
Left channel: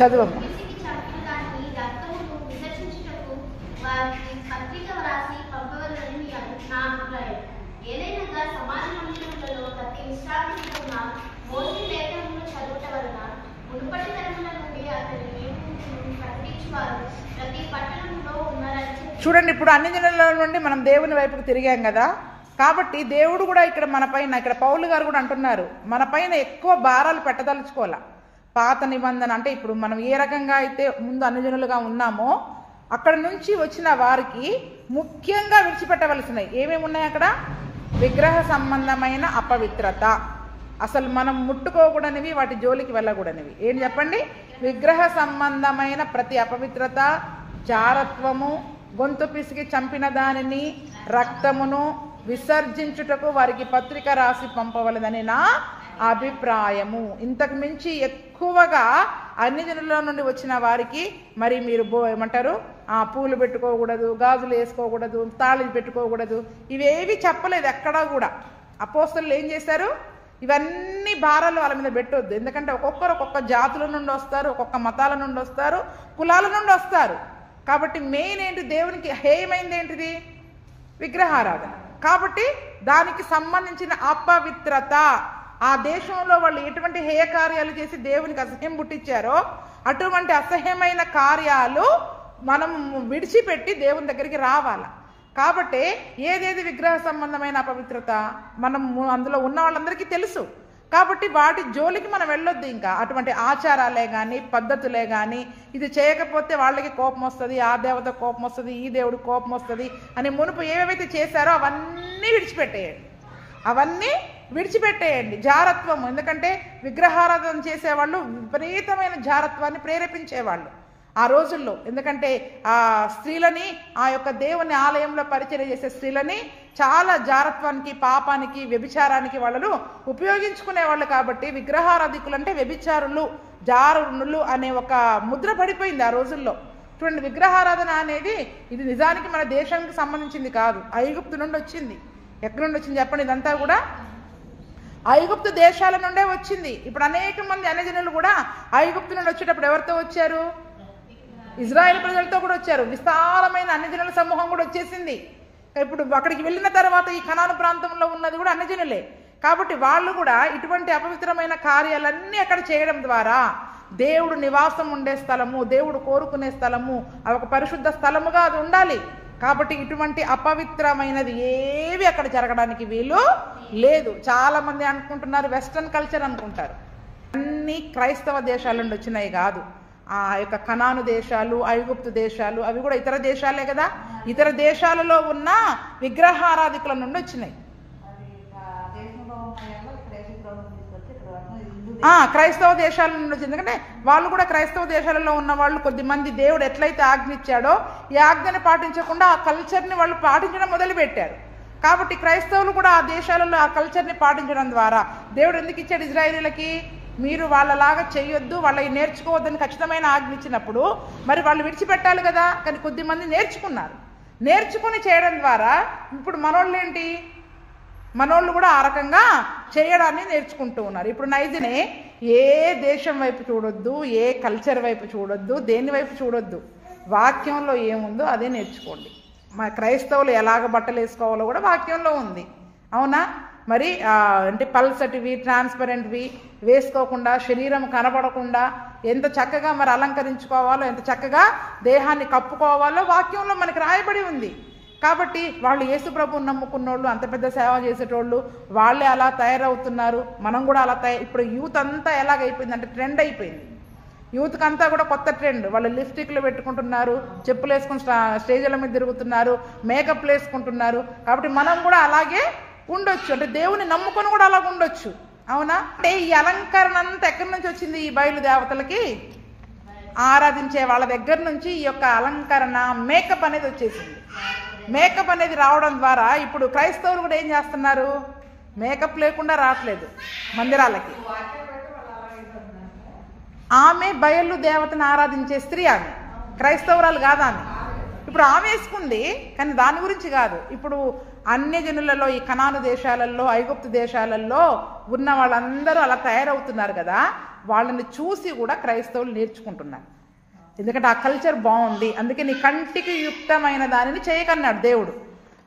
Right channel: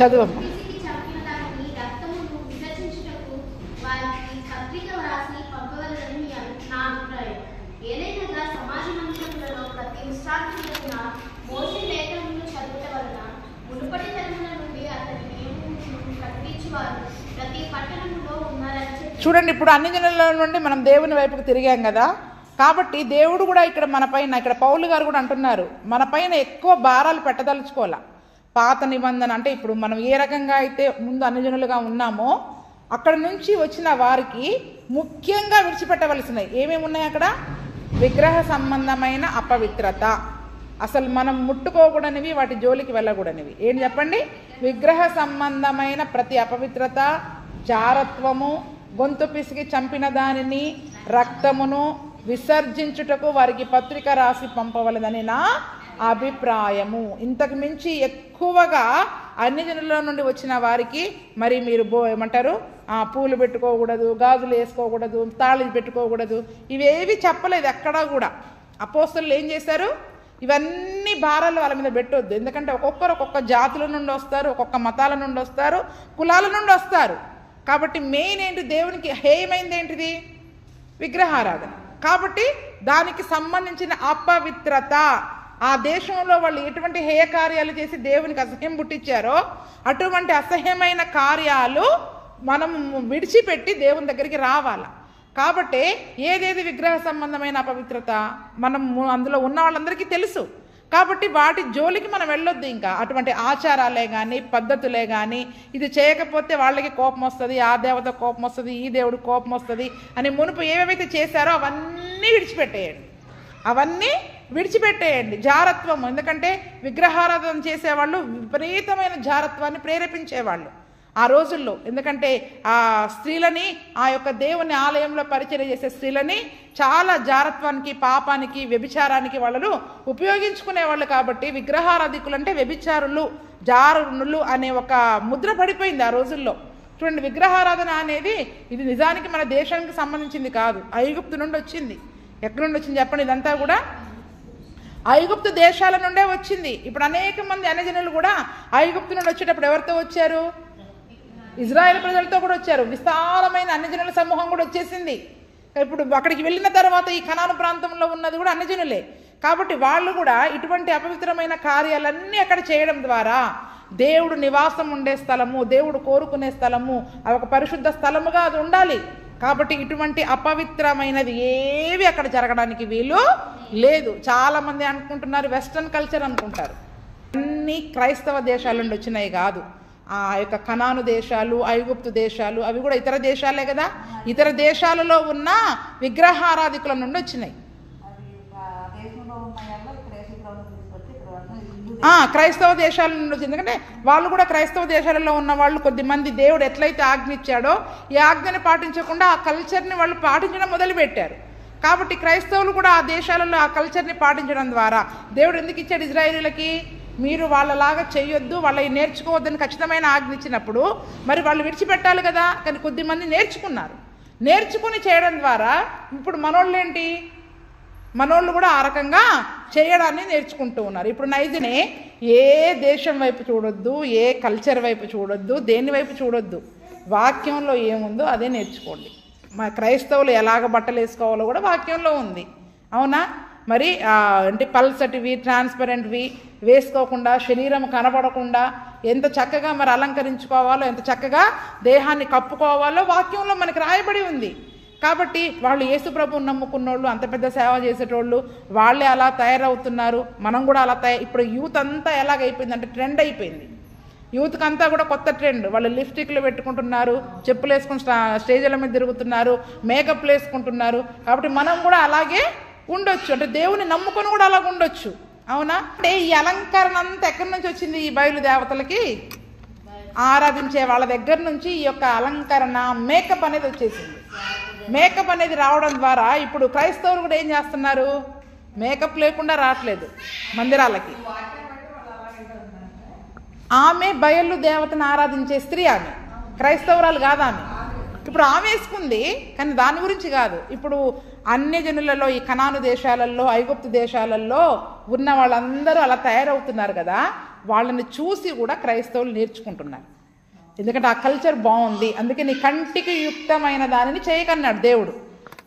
చదువమ్మ. చూడండి, ఇప్పుడు అన్యజనుల నుండి మనం దేవుని వైపుకు తిరిగాం కదా, కాబట్టి దేవుడు కూడా ఇక్కడ పౌలు గారు కూడా అంటున్నారు, మన పైన ఎక్కువ భారాలు పెట్టదలుచుకోవాలా. పాత నిబంధన అంటే ఇప్పుడు మనం ఏ రకంగా అయితే ముందు అన్యజనులుగా ఉన్నామో అక్కడ నుంచి వచ్చిన వారికి ముఖ్యంగా విడిచిపెట్టవలసినవి ఏమేమి ఉన్నాయి అక్కడ? విగ్రహ సంబంధమైన అపవిత్రత, అసలు మనం ముట్టుకోకూడనివి, వాటి జోలికి వెళ్ళకూడనివి. ఏం చెప్పండి? విగ్రహ సంబంధమైన ప్రతి అపవిత్రత, జారత్వము, గొంతు పిసికి చంపిన దానిని, రక్తమును విసర్జించుటకు వారికి పత్రిక రాసి పంపవలదని నా అభిప్రాయము. ఇంతకు మించి ఎక్కువగా అన్యజనుల నుండి వచ్చిన వారికి మరి మీరు ఏమంటారు, పూలు పెట్టుకోకూడదు, గాజులు వేసుకోకూడదు, తాళిలు పెట్టుకోకూడదు, ఇవేవి చెప్పలేదు ఎక్కడా కూడా. అపోస్తలులు ఏం చేశారు? ఇవన్నీ భారాలు వాళ్ళ మీద పెట్టొద్దు. ఎందుకంటే ఒక్కొక్కరు ఒక్కొక్క జాతుల నుండి వస్తారు, ఒక్కొక్క మతాల నుండి వస్తారు, కులాల నుండి వస్తారు. కాబట్టి మెయిన్ ఏంటి? దేవునికి హేయమైంది ఏంటిది? విగ్రహారాధన. కాబట్టి దానికి సంబంధించిన అపవిత్రత, ఆ దేశంలో వాళ్ళు ఎటువంటి హేయ కార్యాలు చేసి దేవునికి అసహ్యం పుట్టించారో అటువంటి అసహ్యమైన కార్యాలు మనం విడిచిపెట్టి దేవుని దగ్గరికి రావాలి. కాబట్టి ఏదేది విగ్రహ సంబంధమైన అపవిత్రత మనం అందులో ఉన్న వాళ్ళందరికీ తెలుసు. కాబట్టి వాటి జోలికి మనం వెళ్ళొద్దు. ఇంకా అటువంటి ఆచారాలే కానీ పద్ధతులే కానీ ఇది చేయకపోతే వాళ్ళకి కోపం వస్తుంది, ఆ దేవత కోపం వస్తుంది, ఈ దేవుడు కోపం వస్తుంది అని మునుపు ఏవేవైతే చేశారో అవన్నీ విడిచిపెట్టేయండి. జారత్వం, ఎందుకంటే విగ్రహారాధన చేసేవాళ్ళు విపరీతమైన జారత్వాన్ని ప్రేరేపించేవాళ్ళు ఆ రోజుల్లో. ఎందుకంటే ఆ స్త్రీలని, ఆ యొక్క దేవుని ఆలయంలో పరిచర్య చేసే స్త్రీలని చాలా జారత్వానికి, పాపానికి, వ్యభిచారానికి వాళ్ళు ఉపయోగించుకునేవాళ్ళు. కాబట్టి విగ్రహారాధికులు అంటే వ్యభిచారులు, జారునులు అనే ఒక ముద్ర పడిపోయింది ఆ రోజుల్లో. చూడండి, విగ్రహారాధన అనేది ఇది నిజానికి మన దేశానికి సంబంధించింది కాదు, ఐగుప్తు నుండి వచ్చింది. ఎక్కడి నుండి వచ్చింది చెప్పండి? ఇదంతా కూడా ఐగుప్తు దేశాల నుండే వచ్చింది. ఇప్పుడు అనేక మంది అన్యజనులు కూడా ఐగుప్తు నుండి వచ్చేటప్పుడు ఎవరితో వచ్చారు? ఇజ్రాయెల్ ప్రజలతో కూడా వచ్చారు. విస్తారమైన అన్యజనుల సమూహం కూడా వచ్చేసింది. ఇప్పుడు అక్కడికి వెళ్ళిన తర్వాత ఈ కనాను ప్రాంతంలో ఉన్నది కూడా అన్యజనులే. కాబట్టి వాళ్ళు కూడా ఇటువంటి అపవిత్రమైన కార్యాలన్నీ అక్కడ చేయడం ద్వారా దేవుడు నివాసం ఉండే స్థలము, దేవుడు కోరుకునే స్థలము, ఒక పరిశుద్ధ స్థలముగా అది ఉండాలి. కాబట్టి ఇటువంటి అపవిత్రమైనది ఏవి అక్కడ జరగడానికి వీలు లేదు. చాలా మంది అనుకుంటున్నారు వెస్ట్రన్ కల్చర్ అనుకుంటారు. అన్ని క్రైస్తవ దేశాల నుండి వచ్చినాయి కాదు. ఆ యొక్క కనాను దేశాలు, ఐగుప్తు దేశాలు అవి కూడా ఇతర దేశాలే కదా. ఇతర దేశాలలో ఉన్న విగ్రహారాధికుల నుండి వచ్చినాయి. క్రైస్తవ దేశాల నుండి వచ్చింది. ఎందుకంటే వాళ్ళు కూడా క్రైస్తవ దేశాలలో ఉన్న వాళ్ళు కొద్దిమంది దేవుడు ఎట్లయితే ఆజ్ఞ ఇచ్చాడో ఈ ఆజ్ఞను పాటించకుండా ఆ కల్చర్ని వాళ్ళు పాటించడం మొదలుపెట్టారు. కాబట్టి క్రైస్తవులు కూడా ఆ దేశాలలో ఆ కల్చర్ని పాటించడం ద్వారా దేవుడు ఎందుకు ఇచ్చాడు ఇజ్రాయేలీలకి? మీరు వాళ్ళలాగా చేయొద్దు, వాళ్ళకి నేర్చుకోవద్దని ఖచ్చితమైన ఆజ్ఞ ఇచ్చినప్పుడు మరి వాళ్ళు విడిచిపెట్టాలి కదా. కానీ కొద్దిమంది నేర్చుకుని చేయడం ద్వారా ఇప్పుడు మనోళ్ళు కూడా ఆ రకంగా చేయడాన్ని నేర్చుకుంటూ ఉన్నారు. ఇప్పుడు నైజనే ఏ దేశం వైపు చూడొద్దు, ఏ కల్చర్ వైపు చూడొద్దు, దేని వైపు చూడొద్దు, వాక్యంలో ఏముందో అదే నేర్చుకోండి. మా క్రైస్తవులు ఎలాగ బట్టలు వేసుకోవాలో కూడా వాక్యంలో ఉంది, అవునా? మరి అంటే పల్సటివి, ట్రాన్స్పరెంట్వి వేసుకోకుండా, శరీరం కనబడకుండా ఎంత చక్కగా మరి అలంకరించుకోవాలో, ఎంత చక్కగా దేహాన్ని కప్పుకోవాలో వాక్యంలో మనకి రాయబడి ఉంది. కాబట్టి వాళ్ళు యేసు ప్రభువుని నమ్ముకున్నోళ్ళు, అంత పెద్ద సేవ చేసేటోళ్ళు వాళ్ళే అలా తయారవుతున్నారు. మనం కూడా అలా ఇప్పుడు యూత్ అంతా ఎలాగైపోయింది అంటే ట్రెండ్ అయిపోయింది. యూత్కి అంతా కూడా కొత్త ట్రెండ్. వాళ్ళు లిప్స్టిక్లు పెట్టుకుంటున్నారు, చెప్పులు వేసుకుని స్టేజ్ల మీద తిరుగుతున్నారు, మేకప్లు వేసుకుంటున్నారు. కాబట్టి మనం కూడా అలాగే ఉండొచ్చు, అంటే దేవుని నమ్ముకొని కూడా అలాగ ఉండొచ్చు, అవునా? అంటే ఈ అలంకరణ అంతా ఎక్కడి నుంచి వచ్చింది? ఈ బయలు దేవతలకి ఆరాధించే వాళ్ళ దగ్గర నుంచి ఈ యొక్క అలంకరణ, మేకప్ అనేది వచ్చేసింది. మేకప్ అనేది రావడం ద్వారా ఇప్పుడు క్రైస్తవులు కూడా ఏం చేస్తున్నారు? మేకప్ లేకుండా రావట్లేదు మందిరాలకి. ఆమె బయలు దేవతను ఆరాధించే స్త్రీ, ఆమె క్రైస్తవురాలు కాదా? ఆమె ఇప్పుడు ఆమె వేసుకుంది, కానీ దాని గురించి కాదు. ఇప్పుడు అన్యజనులలో, ఈ కనాను దేశాలలో, ఐగుప్తు దేశాలలో ఉన్న వాళ్ళందరూ అలా తయారవుతున్నారు కదా. వాళ్ళని చూసి కూడా క్రైస్తవులు నేర్చుకుంటున్నారు. ఎందుకంటే ఆ కల్చర్ బాగుంది, అందుకే నీ కంటికి యుక్తమైన దానిని చేయకన్నాడు దేవుడు.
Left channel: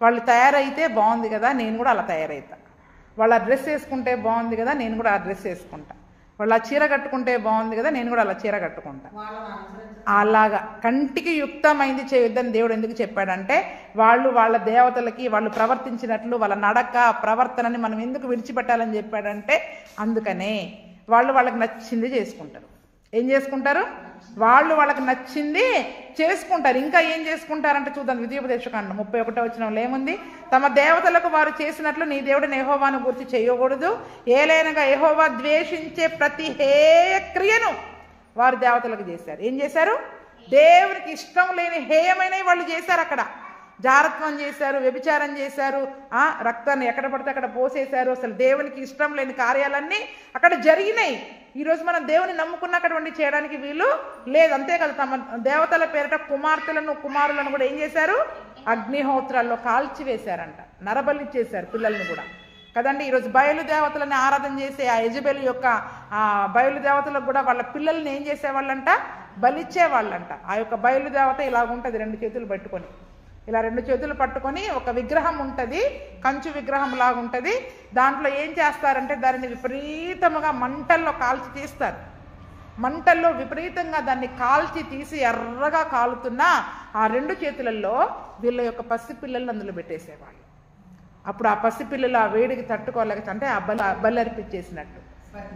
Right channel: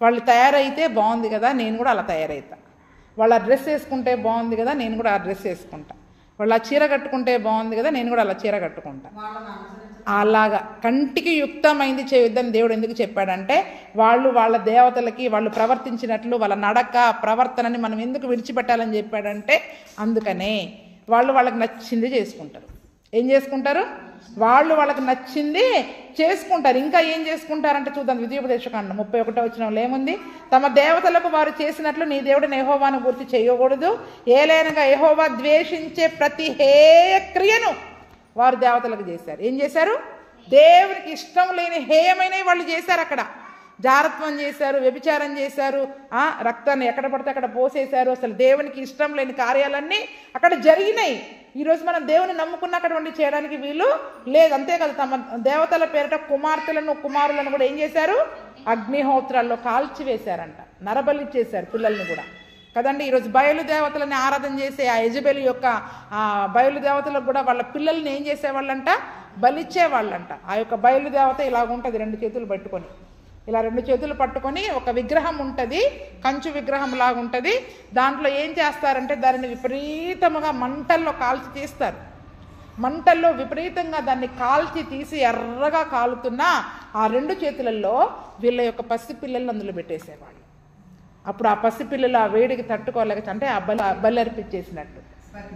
వాళ్ళు తయారైతే బాగుంది కదా, నేను కూడా అలా తయారవుతా. వాళ్ళు ఆ డ్రెస్ వేసుకుంటే బాగుంది కదా, నేను కూడా ఆ డ్రెస్ వేసుకుంటా. వాళ్ళు ఆ చీర కట్టుకుంటే బాగుంది కదా, నేను కూడా అలా చీర కట్టుకుంటా. అలాగా కంటికి యుక్తమైంది చేయొద్దని దేవుడు ఎందుకు చెప్పాడంటే, వాళ్ళ దేవతలకి వాళ్ళు ప్రవర్తించినట్లు వాళ్ళ నడక, ప్రవర్తనని మనం ఎందుకు విడిచిపెట్టాలని చెప్పాడంటే, అందుకనే వాళ్ళకి నచ్చింది చేసుకుంటారు. ఏం చేసుకుంటారు? వాళ్ళకి నచ్చింది చేసుకుంటారు. ఇంకా ఏం చేసుకుంటారంటే చూద్దాం. ద్వితీయోపదేశకాండం 31వ వచనంలో ఏముంది? తమ దేవతలకు వారు చేసినట్లు నీ దేవుడిని యెహోవాను గురించి చేయకూడదు. ఏలైనగా యెహోవా ద్వేషించే ప్రతి హేయ క్రియను వారు దేవతలకు చేశారు. ఏం చేశారు? దేవునికి ఇష్టం లేని హేయమైనవి వాళ్ళు చేశారు. అక్కడ జారత్వం చేశారు, వ్యభిచారం చేశారు, రక్తాన్ని ఎక్కడ పడితే అక్కడ పోసేశారు. అసలు దేవునికి ఇష్టం లేని కార్యాలన్నీ అక్కడ జరిగినాయి. ఈరోజు మనం దేవుని నమ్ముకున్న అటువంటి చేయడానికి వీలు లేదు. అంతేకాదు, తమ దేవతల పేరిట కుమారులను కూడా ఏం చేశారు? అగ్నిహోత్రాల్లో కాల్చివేశారంట, నరబలి చేశారు పిల్లల్ని కూడా కదండి. ఈరోజు బయలు దేవతలని ఆరాధన చేసే ఆ యెజబెలు యొక్క బయలు దేవతలకు కూడా వాళ్ళ పిల్లల్ని ఏం చేసేవాళ్ళంట? బలిచ్చేవాళ్ళంట. ఆ యొక్క బయలు దేవత ఇలాగుంటుంది, 2 చేతులు పట్టుకొని ఇలా 2 చేతులు పట్టుకొని ఒక విగ్రహం ఉంటుంది, కంచు విగ్రహం లాగా ఉంటుంది. దాంట్లో ఏం చేస్తారంటే దానిని విపరీతంగా మంటల్లో కాల్చి తీస్తారు. మంటల్లో విపరీతంగా దాన్ని కాల్చి తీసి ఎర్రగా కాలుతున్న ఆ 2 చేతులలో వీళ్ళ యొక్క పసిపిల్లలను అందులో పెట్టేసేవాళ్ళు. అప్పుడు ఆ పసిపిల్లలు ఆ వేడికి తట్టుకోలేక అంటే ఆ బలి అర్పించేసినట్టు.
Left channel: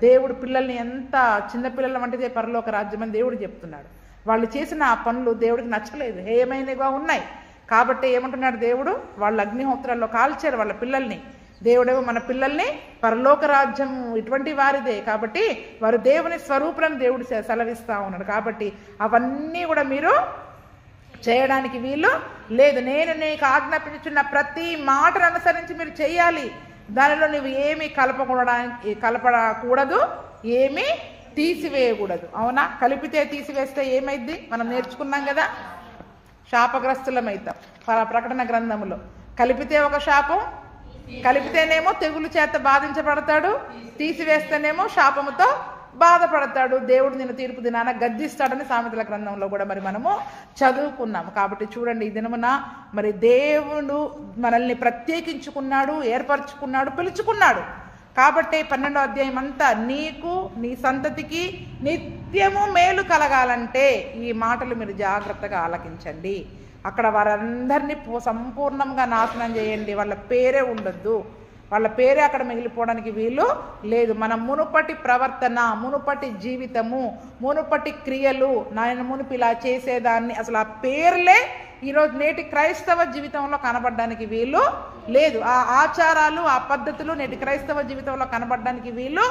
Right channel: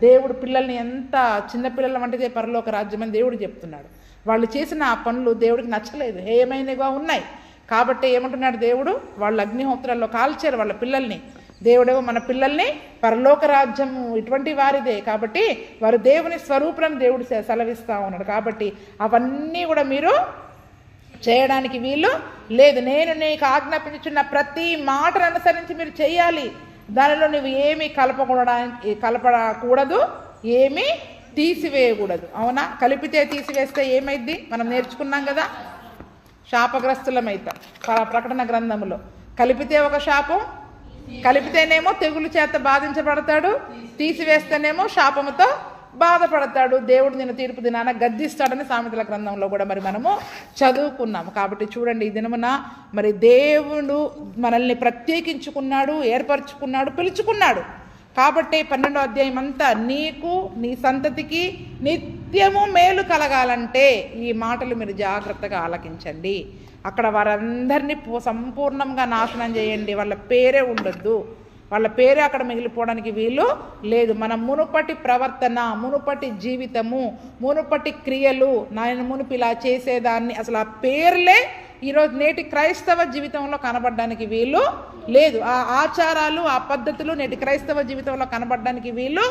దేవుడు పిల్లల్ని ఎంత చిన్నపిల్లల వంటిదే పరలోక రాజ్యం అని దేవుడు చెప్తున్నాడు. వాళ్ళు చేసిన ఆ పనులు దేవుడికి నచ్చలేదు, హేయమైనగా ఉన్నాయి. కాబట్టి ఏమంటున్నాడు దేవుడు, వాళ్ళు అగ్నిహోత్రాల్లో కాల్చారు వాళ్ళ పిల్లల్ని. దేవుడు మన పిల్లల్ని పరలోక రాజ్యం ఇటువంటి వారిదే కాబట్టి వారు దేవుని స్వరూపులను దేవుడు సెలవిస్తూ ఉన్నాడు. కాబట్టి అవన్నీ కూడా మీరు చేయడానికి వీలు లేదు. నేను ఆజ్ఞాపించుచున్న ప్రతి మాటను అనుసరించి మీరు చేయాలి. దానిలో నువ్వు ఏమీ కలపకూడదు, ఏమీ తీసివేయకూడదు. అవునా? కలిపితే తీసివేస్తే ఏమైద్ది? మనం నేర్చుకున్నాం కదా, శాపగ్రస్తులమైతాం. ప్రకటన గ్రంథంలో కలిపితే ఒక శాపం, కలిపితేనేమో తెగులు చేత బాధించబడతాడు, తీసివేస్తేనేమో శాపముతో బాధపడతాడు. దేవుడు నిన్ను తీర్పు దినాన గద్దిస్తాడని సామెతల గ్రంథంలో కూడా మరి మనము చదువుకున్నాము. కాబట్టి చూడండి, ఈ దినమున మరి దేవుడు మనల్ని ప్రత్యేకించుకున్నాడు, ఏర్పరచుకున్నాడు, పిలుచుకున్నాడు. కాబట్టి 12వ అధ్యాయం అంతా నీకు నీ సంతతికి నిత్యము మేలు కలగాలంటే ఈ మాటలు మీరు జాగ్రత్తగా ఆలకించండి. అక్కడ వారందరినీ సంపూర్ణంగా నాశనం చేయండి, వాళ్ళ పేరే ఉండొద్దు, వాళ్ళ పేరే అక్కడ మిగిలిపోవడానికి వీలు లేదు. మన మునుపటి ప్రవర్తన, మునుపటి జీవితము, మునుపటి క్రియలు, నేను మునుపు ఇలా చేసేదాన్ని, అసలు ఆ పేర్లే ఈరోజు నేటి క్రైస్తవ జీవితంలో కనబడడానికి వీలు లేదు. ఆ ఆచారాలు, ఆ పద్ధతులు నేటి క్రైస్తవ జీవితంలో కనబడడానికి వీలు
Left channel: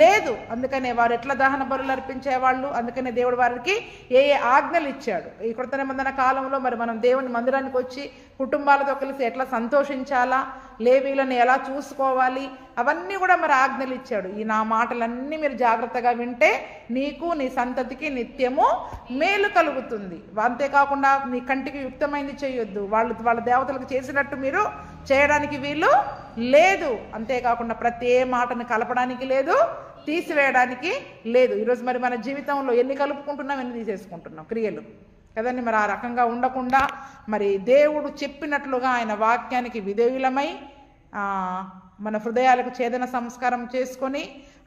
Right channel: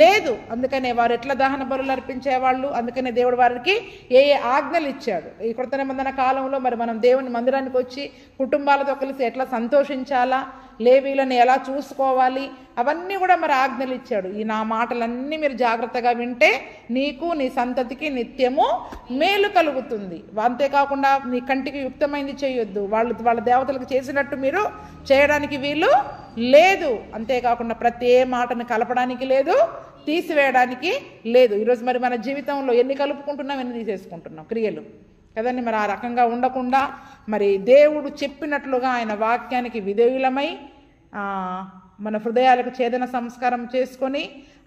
లేదు. అందుకనే వారు ఎట్లా దహన బలులు అర్పించేవాళ్ళు, అందుకనే దేవుడు వారికి ఏ ఆజ్ఞలు ఇచ్చాడు. ఈ కృత నిబంధన కాలంలో మరి మనం దేవుని మందిరానికి వచ్చి కుటుంబాలతో కలిసి ఎట్లా సంతోషించాలా, లేవీలను ఎలా చూసుకోవాలి, అవన్నీ కూడా మరి ఆజ్ఞలు ఇచ్చాడు. ఈ నా మాటలన్నీ మీరు జాగ్రత్తగా వింటే నీకు నీ సంతతికి నిత్యము మేలు కలుగుతుంది. అంతేకాకుండా నీ కంటికి యుక్తమైంది చేయొద్దు, వాళ్ళ దేవతలకు చేసినట్టు మీరు చేయడానికి వీలు లేదు. అంతేకాకుండా ప్రతి ఏ మాటను కలపడానికి లేదు, తీసివేయడానికి లేదు. ఈరోజు మరి మన జీవితంలో ఎన్ని కలుపుకుంటున్నాం, ఎన్ని తీసేసుకుంటున్నాం క్రియలు కదండి. మరి ఆ రకంగా ఉండకుండా మరి దేవుడు చెప్పినట్లుగా ఆయన వాక్యానికి విధేయులమై మన హృదయాలకు ఛేదన సంస్కారం చేసుకొని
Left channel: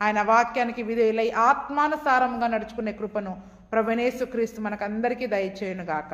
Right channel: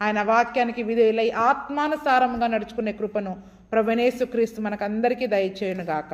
ఆయన వాక్యానికి విధేయులై ఆత్మానుసారంగా నడుచుకునే కృపను ప్రభువైన యేసుక్రీస్తు మనకందరికీ దయచేయునుగాక.